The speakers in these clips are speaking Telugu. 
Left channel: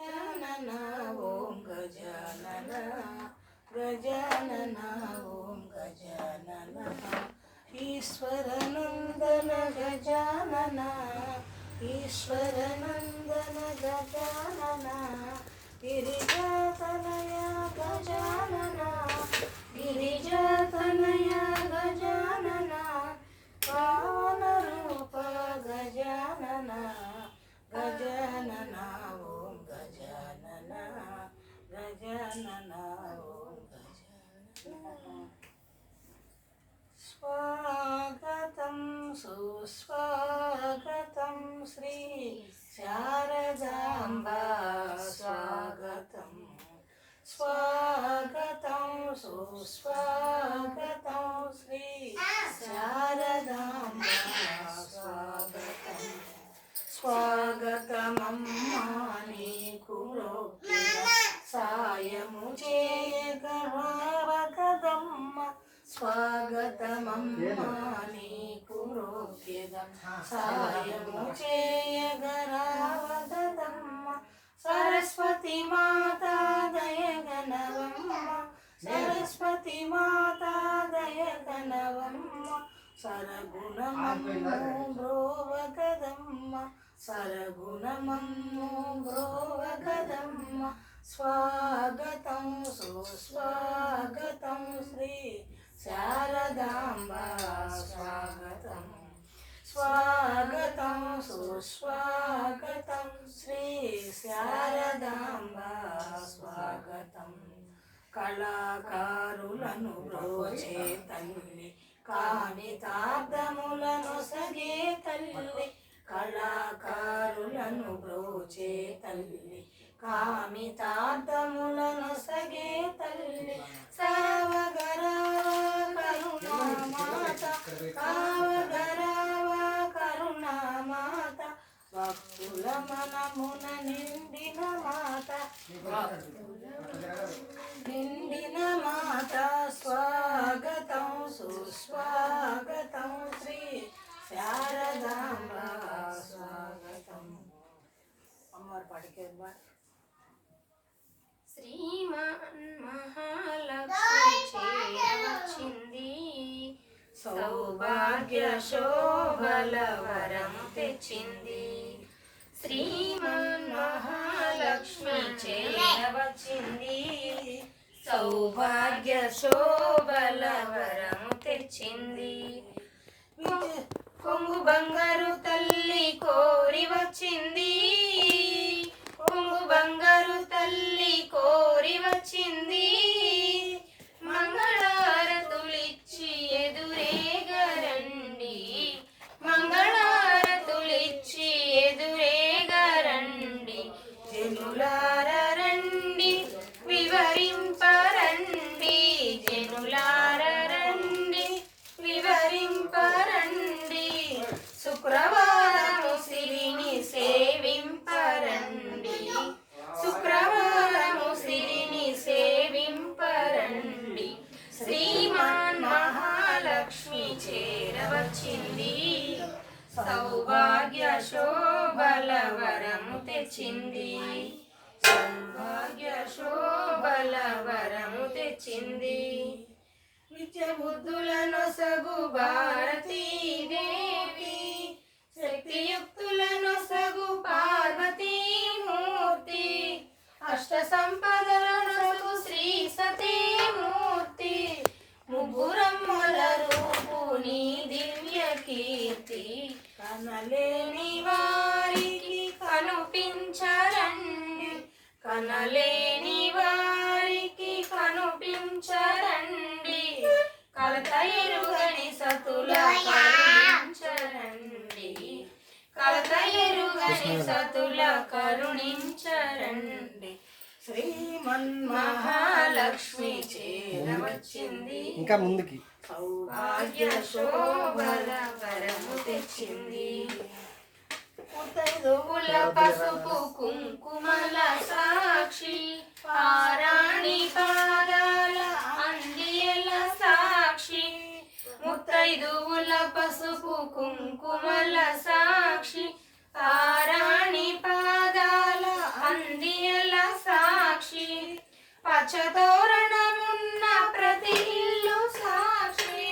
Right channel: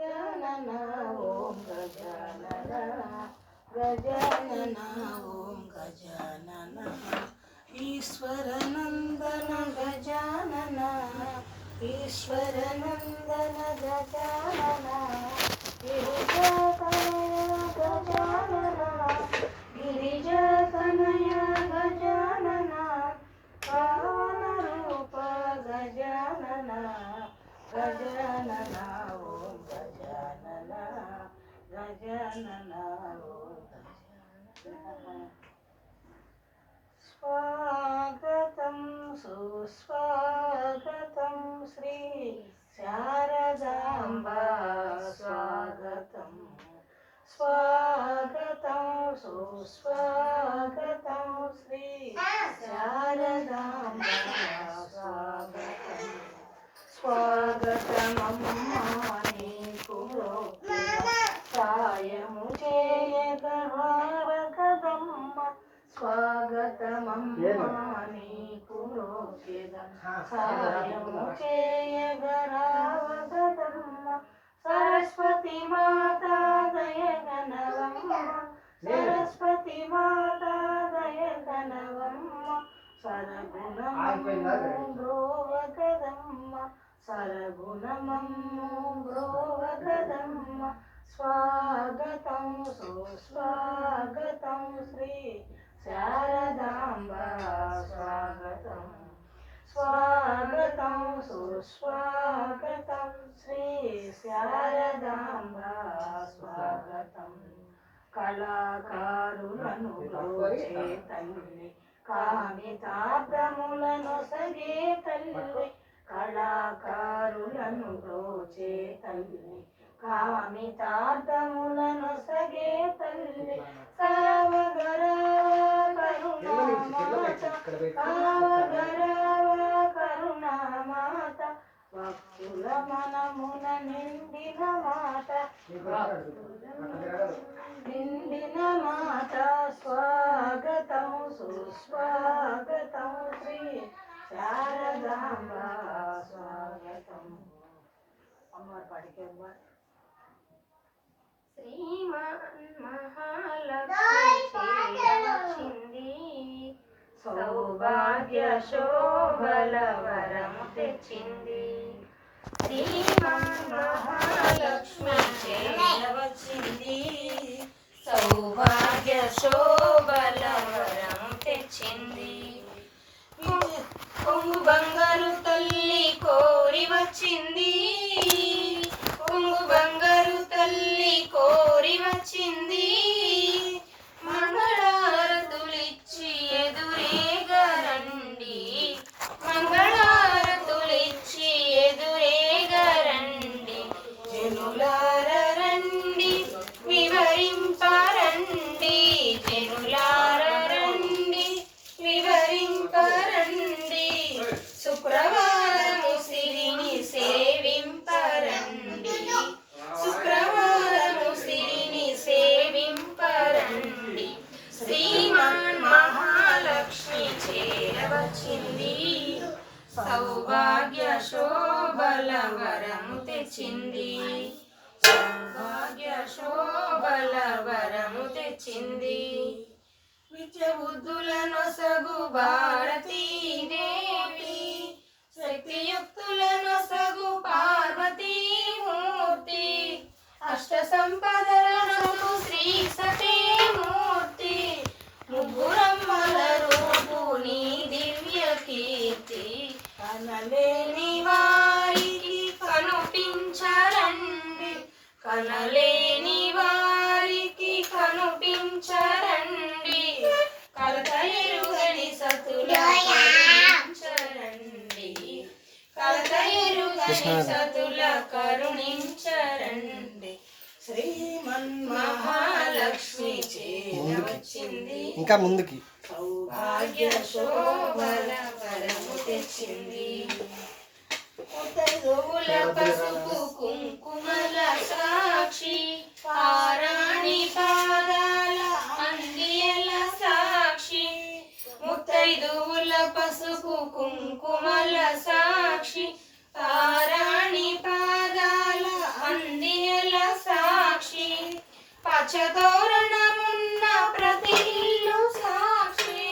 गजानन ओम गजानन गजानन ओम गजानन ईश्वरनंदन गजानन ईश्वरनंदन गजानन गिरिजातनय गजानन गिरिजातनय गजानन पावन रूप गजानन गजानन ओम गजानन गजानन ओम गजानन स्वागतं सुस्वागतं श्री शारदाम्बा स्वागतं स्वागतं सुस्वागतं श्री शारदाम्बा स्वागतं स्वागतमम्मा నీకు సాయము చేయగలవకదమ్మ స్వాగతమమ్మా నీకు సాయము చేయగలవకదమ్మ సరస్వతి మాతా దయగనవమ్మ సరస్వతి మాతా దయగనవమ్మ సరగుణమమ్ము బ్రోవకదమ్మ సరగుణమమ్ము బ్రోవకదమ్మ స్వాగతం సుస్వాగతం శ్రీ శారదాంబా స్వాగతం స్వాగతం సుస్వాగతం శ్రీ శారదాంబా స్వాగతం కళాకారులను బ్రోచే తల్లి కామితార్థములను సగే తల్లి కళాకారులను బ్రోచే తల్లి కామితార్థములను సగే తల్లి సావగరావ కరుణామాత కావగరావ కరుణామాత భక్తుల మనమున నిండిన మాత నిండిన మాత స్వాగతం సుస్వాగతం శ్రీ శారదాంబా స్వాగతం అమ్మవారి పాటికి శ్రీమన్మహాలక్ష్మి చేరవచ్చింది సౌభాగ్య శోభల వరం తెచ్చింది శ్రీమన్మహాలక్ష్మి చేరవచ్చింది సౌభాగ్య శోభల వరం తెచ్చింది కొంగు బంగారు తల్లి కోరి వచ్చింది కొంగు బంగారు తల్లి కోరి వచ్చింది మంగళారతులిచ్చి ఎదురేగరండి మంగళారతులిచ్చి ఎదురేగరండి జనులార రండి వివరింపరండి జనులార రండి వివరింపరండి శుక్రవారము సిరిని సేవింపరండి శుక్రవారము సిరిని సేవింపరండి శ్రీమాన్ మహాలక్ష్మి చేరవచ్చింది సౌభాగ్య శోభల వరము తెచ్చింది సౌభాగ్య శోభల వరము తెచ్చింది విద్య బుద్ధులను సగు భారతీదేవి శక్తియుక్తులను సగు పార్వతీమూర్తి అష్ట సంపదలను శ్రీ సతీమూర్తి ముగ్గురమ్మల రూపు నీ దివ్య కీర్తి కనలేని వారికి కనుపించరండి కనలేని వారికి కనుపించరండి కలత ఎరుగని సతుల కరుణించరండి కలత ఎరుగని సతుల కరుణించరండి శ్రీమన్మహాలక్ష్మి చేరవచ్చింది ఇంకా ముందుకి సౌభాగ్య శోభల వరము తెచ్చింది ముత్తైదువుల పసుపు కుంకుమల సాక్షి పారాణి పాదాల అందియల సాక్షి ముత్తైదువుల పసుపు కుంకుమల సాక్షి పారాణి పాదాల అందియల సాక్షి పచ్చతోరణమున్న ప్రతి ఇల్లు సాక్షి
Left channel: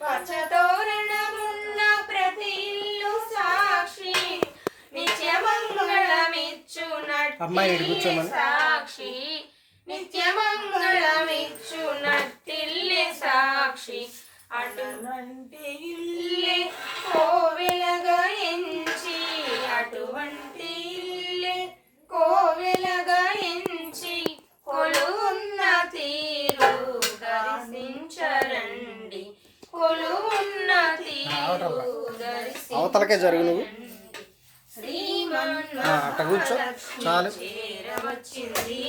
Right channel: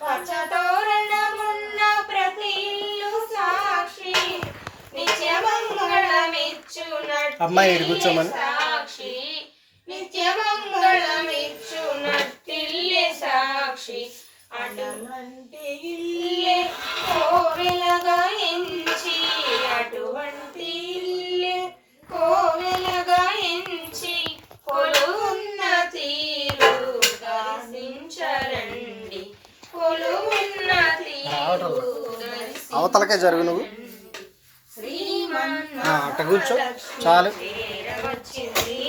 పచ్చతోరణమున్న ప్రతి ఇల్లు సాక్షి నిత్యమంగళమిచ్చునట్టిల్లే సాక్షి నిత్యమంగళమిచ్చునట్టిల్లే సాక్షి అటువంటి ఇల్లే కోవెలగా ఎంచి అటువంటి ఇల్లే కోవెలగా ఎంచి కొలువున్న తీరు దర్శించరండి కొలువున్న తీరు అవతలకే జరుగు నువ్వు అట్ట కూర్చో చాలు చేరవచ్చింది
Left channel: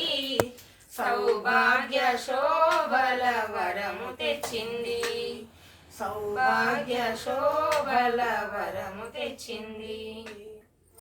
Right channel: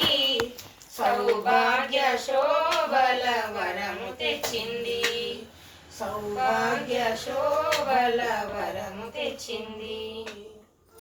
సౌభాగ్య శోభల వరము తెచ్చింది సౌభాగ్య శోభల వరము తెచ్చింది